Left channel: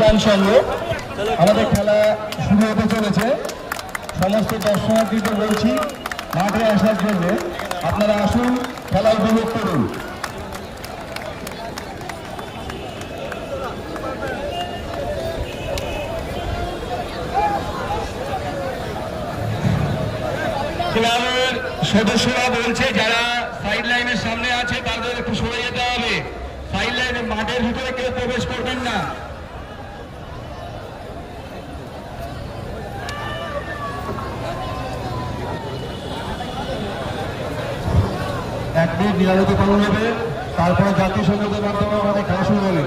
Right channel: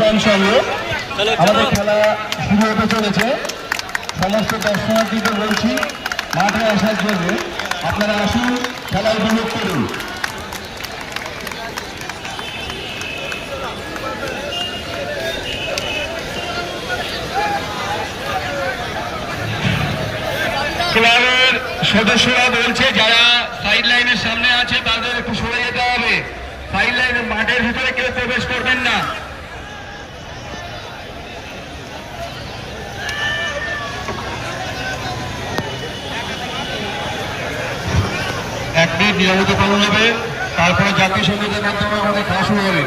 গান সঙ্গে আমাদের খেলা শুরু হতে চলেছে। সমস্ত দর্শনার্থীদের বলছি মাঠে আসার জন্য, আপনারা আসুন, খেলা উপভোগ করুন। ক্লাবের সদস্যরা বলছে যারা সাইড লাইনের সামনে আছে তাদের একটু সরে যেতে হবে। সাইড লাইনের মাঠের ভিতরে কেউ প্রবেশ করবেন না। এক মিনিট নিরাপত্তা পালন হবে, তারপরে জাতীয় সঙ্গীতের মাধ্যমে আমাদের খেলা শুরু হবে।